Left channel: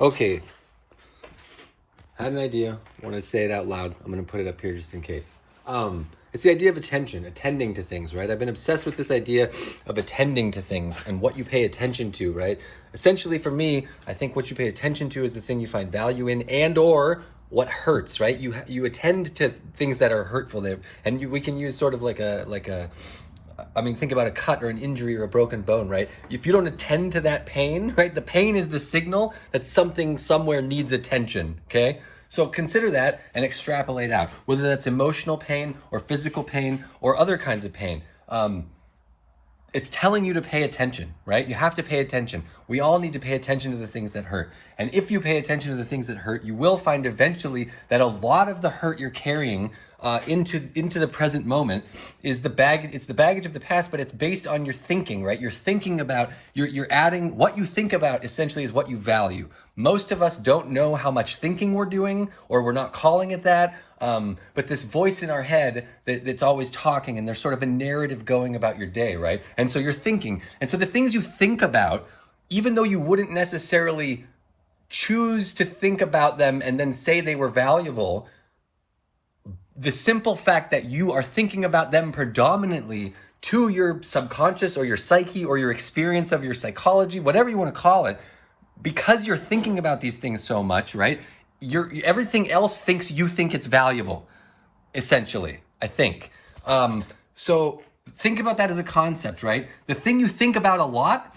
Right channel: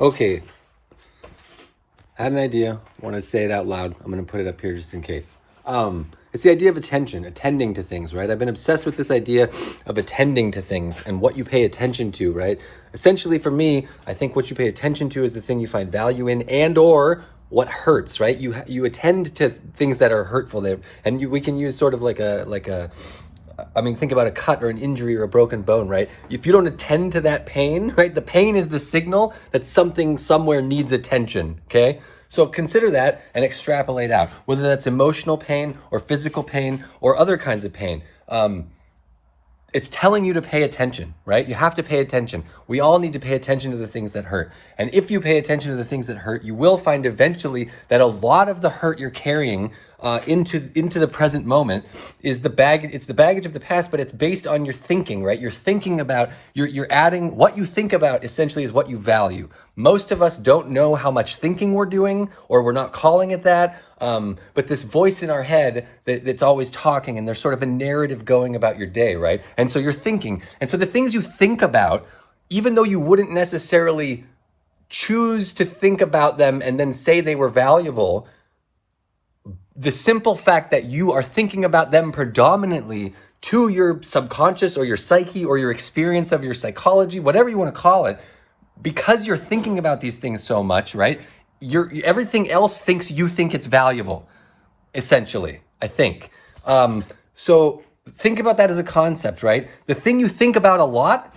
Okay, had an idea. Want to say it out loud. I'm going to put it up here just in case. It's the idea of attention, attending to things, right? I've been obsessed with this idea of attending to things and what you pay attention to, right? Essentially, for me, I think what you pay attention to is the thing you find value in, and or what hurts, right? You attend to things that are hurtful there, and we can use sort of I mean, think about a cut or an injury or a broken bone, right? If you don't attend to that pain, right, the pain is the signal that something somewhere needs attention, okay? So consider that and extrapolate out, whether that's emotional pain or physical pain or other kinds of pain. It's telling you to pay attention, right? You have to pay attention. We all need to pay attention to the things that hurt. And if you pay attention to the things that hurt, you will find eventually that a lot of the hurt you're carrying into the present moment is the baggage. It's the baggage of the past, but it's based on your thinking, right? You're thinking about, you're adding what you think about essentially is what you value. Most of us don't know how much thinking we're doing, or we're not calling it that. But this voice in our head that's always talking, and there's sort of a narrative going about your day, right? And so you're thinking. And so the things you think about, even though you wouldn't necessarily choose to think about them and then say they were valuable, the simple fact that you are thinking about them predominantly to your subconscious or your psyche or your experience of your psychology, whatever you want to call it, because you're thinking about these things so much, right? Everything else thinks you think it's valuable, essentially, I think. So think about that as a concept, right? The thing you think about a lot,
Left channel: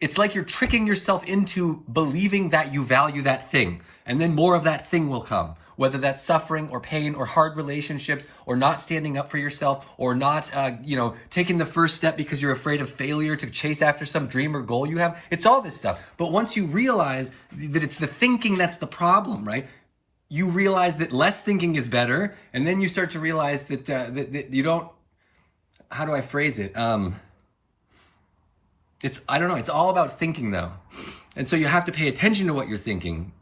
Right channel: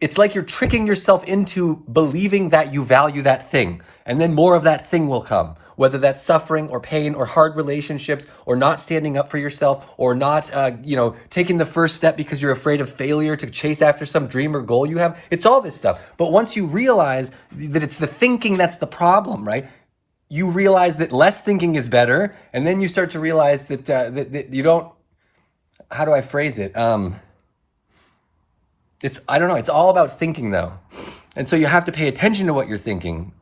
it's like you're tricking yourself into believing that you value that thing. And then more of that thing will come, whether that's suffering or pain or hard relationships or not standing up for yourself or not, taking the first step because you're afraid of failure to chase after some dream or goal you have. It's all this stuff. But once you realize that it's the thinking that's the problem, right? You realize that less thinking is better. And then you start to realize that you don't, how do I phrase it? I don't know, it's all about thinking though. And so you have to pay attention to what you're thinking.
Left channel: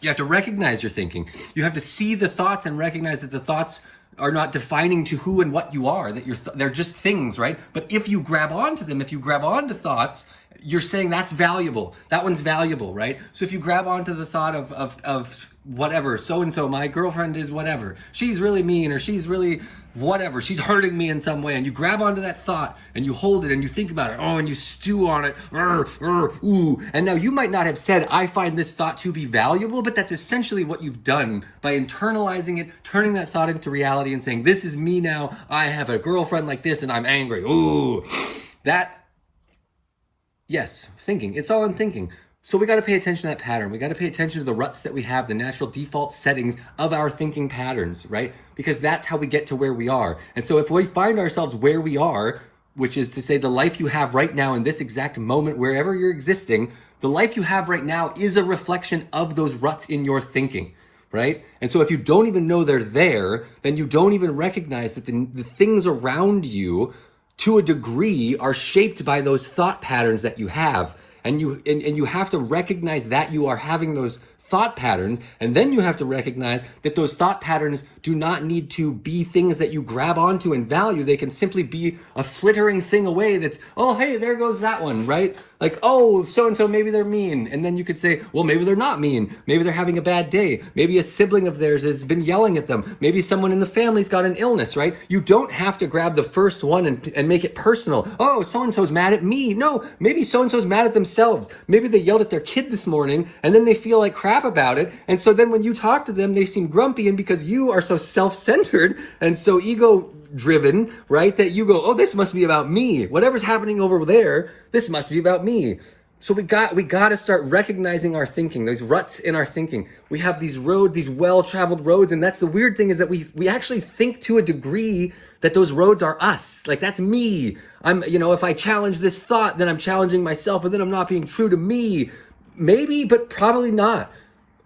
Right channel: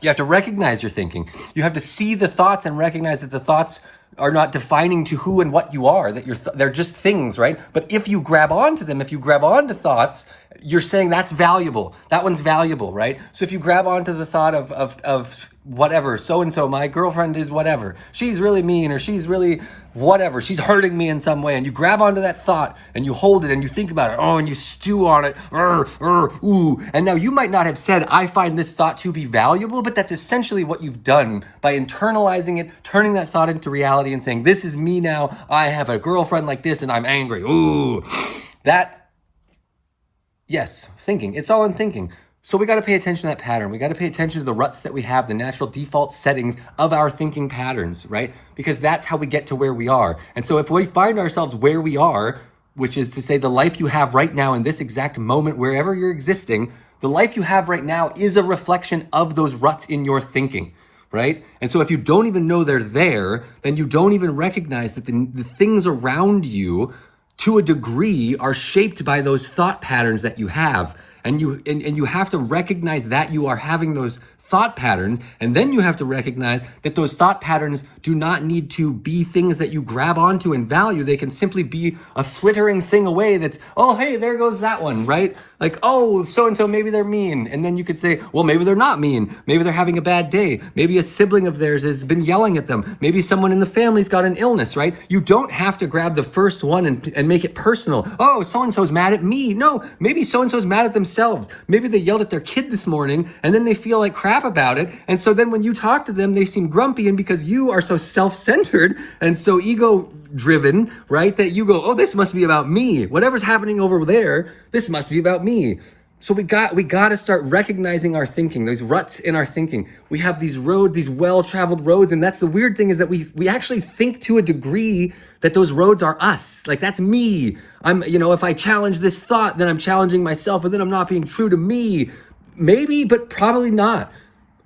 You have to recognize your thinking. You have to see the thoughts and recognize that the thoughts are not defining to who and what you are, that they're just things, right? But if you grab onto them, if you grab onto thoughts, you're saying that's valuable. That one's valuable, right? So if you grab onto the thought of whatever, so-and-so, my girlfriend is whatever, she's really mean, or she's really whatever, she's hurting me in some way, and you grab onto that thought and you hold it and you think about it, and you stew on it, ooh. And now you might not have said, I find this thought to be valuable, but that's essentially what you've done by internalizing it, turning that thought into reality and saying, this is me now, I have a girlfriend like this and I'm angry, ooh. Yes, thinking, it's all in thinking. So we got to pay attention to that pattern. We got to pay attention to the ruts that we have, the natural default settings of our thinking patterns, right? Because that's how we get to where we are. And so if we find ourselves where we are, which is to say the life you have right now in this exact moment, wherever you're existing, the life you have right now is a reflection of those ruts in your thinking, right? And so if you don't even know they're there, then you don't even recognize that the things around you to a degree are shaped by those thought patterns that you have. And you have to recognize that you are having those thought patterns, and then you have to recognize that those thought patterns do not need to be things that you grab onto and value. They can simply be a flittering thing away that's, oh, hey, there goes that one, right? Like, oh, so-and-so, maybe they're mean. And then you could say, well, maybe they're not mean. Maybe they're having a bad day. Maybe a sibling of theirs has been yelling at them. Maybe someone in the family's got an illness, right? You don't have to grab the first one and make it personal. Oh, so-and-so's mad at me. No, maybe so-and-so's mad at themselves. Maybe they yelled at their kid this morning and then they feel like crap about it. And so then when you talk to them, they seem grumpy, and because you are so self-centered and so ego-driven, right, that you go, oh, this must be about me. Whatever's happening over there, this must be about me. So we got to start recognizing our thinking, those ruts in our thinking. We have these roads, these well-traveled roads, and that's the weird thing, is that we actually think to a degree that those roads are us. Like, that's me. If I challenge this thought, then I'm challenging myself, and then I'm not being true to me. Maybe, but probably not.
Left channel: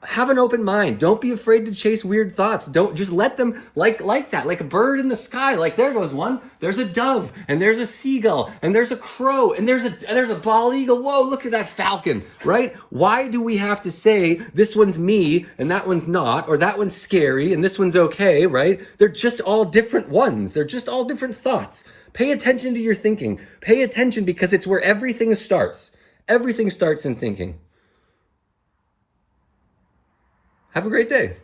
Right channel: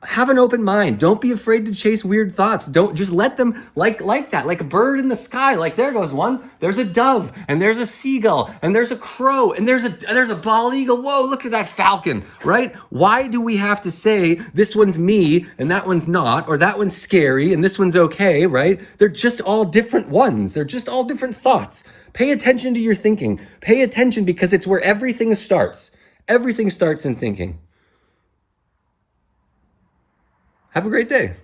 Have an open mind. Don't be afraid to chase weird thoughts. Don't just let them like that, like a bird in the sky. Like, there goes one. There's a dove, and there's a seagull, and there's a crow, and there's a bald eagle. Whoa, look at that falcon, right? Why do we have to say this one's me and that one's not, or that one's scary and this one's okay, right? They're just all different ones. They're just all different thoughts. Pay attention to your thinking. Pay attention, because it's where everything starts. Everything starts in thinking. Have a great day.